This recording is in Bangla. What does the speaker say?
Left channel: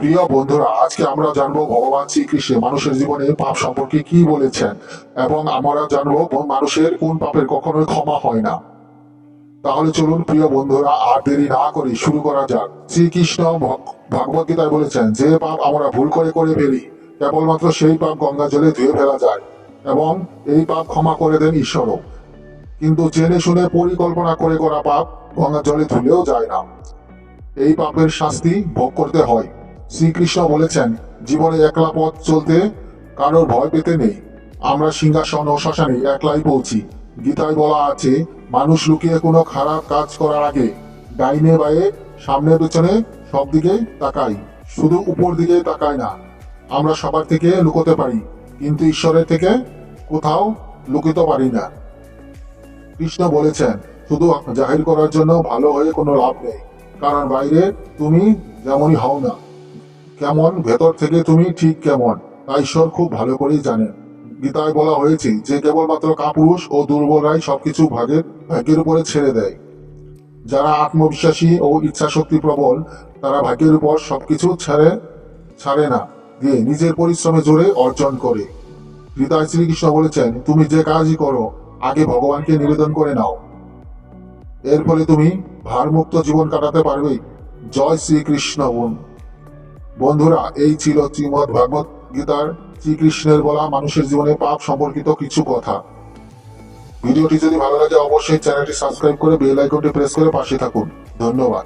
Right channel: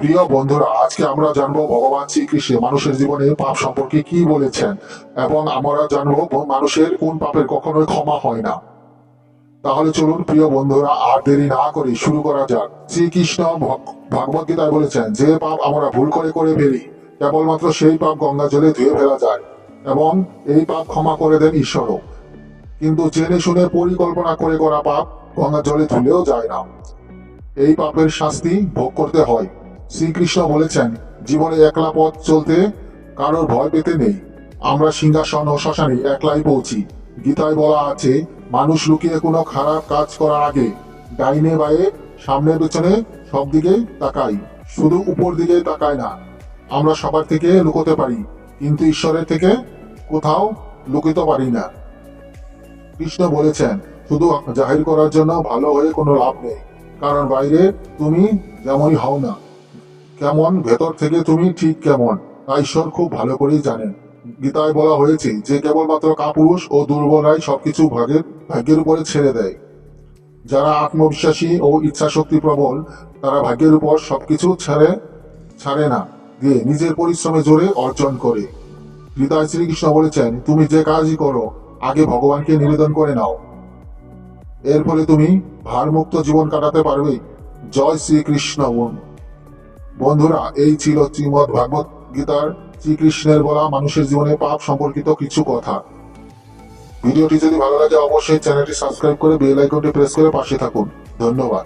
প্রিয় বন্ধুরা, আজকে আমরা জানবো ভগবান শ্রীকৃষ্ণ মানুষের জীবনে পাপ সম্পর্কে কি বলেছেন এবং আমরা জানবো মানুষের কোন পাপের কখনোই ক্ষমা হয় না। তাহলে চলুন প্রিয় বন্ধুরা, আর দেরি না করে শুরু করা যাক। শ্রীকৃষ্ণ ভগবত গীতায় বলেছেন, যে পাপ আমরা ভুল করে করে ফেলি কেবলমাত্র সেই পাপ গঙ্গা জলে ধুয়ে ফেলা যায় এবং এই পাপ ক্ষমা করে দেন ঈশ্বরও। কিন্তু জেনে শুনে পরিকল্পনা করে করা পাপ গঙ্গা জলে ধুলেও যায় না, এই পাপের শাস্তি ভোগ করতে হয়। শ্রীকৃষ্ণ বলেছেন, জীবনে একলা পথ চলতে কারোর ভয় পেতে নেই। আমরা সিংহাসন ও শ্মশানে একলাই পৌঁছি। গীতায় বলা আছে, মানুষ লুকিয়ে কোনো খারাপ কাজ করার আগে ডাইনে বায়ে সামনে পেছনে সব দিকে তাকাই, শুধু উপর দিকে তাকায় না। আমরা সবার থেকে লুকোতে পারি, কিন্তু ঈশ্বরের থেকে কোথাও লুকিতে পারি না। কৃষ্ণ বলেছেন, শুধু জাহির করার জন্য ভালো হয়ে কোনো লাভ নেই, কারণ বাইরে তুমি যেমনই হও না কেমন, ভেতর থেকে তুমি ঠিক কেমন তা ঈশ্বর খুব ভালো করেই জানেন। গীতায় বলা হয়েছে যে কেবলমাত্র কাপুরুষ ও দুর্বলরাই সবকিছু ভাগ্যের উপরে ছেড়ে দেয়। যারা আত্মবিশ্বাসী ও ইচ্ছা শক্তি প্রবল, তারা ভাগ্যের উপর সবকিছু ছাড়ে না, দিয়ে নিজের পরিশ্রমে জোরে অর্জন করে। গীতায় শ্রীকৃষ্ণ বলেছেন, তুমি যে কাজই করো আগে ভগবানকে নিবেদন করে নাও, এর ফলে তুমি ভারমুক্ত জীবন কাটাতে পারবে। জয় শ্রীকৃষ্ণ। বন্ধুরা, এই ছিল শ্রীমদ্ ভাগবত গীতার শ্রীকৃষ্ণের বলা মানুষের জীবনে পাপ সম্পর্কিত কিছু কথা। ভিডিওটি যদি ভালো লাগে অবশ্যই চ্যানেলটি সাবস্ক্রাইব করে বেল আইকনটি প্রেস করে পাশে থাকুন। ধন্যবাদ।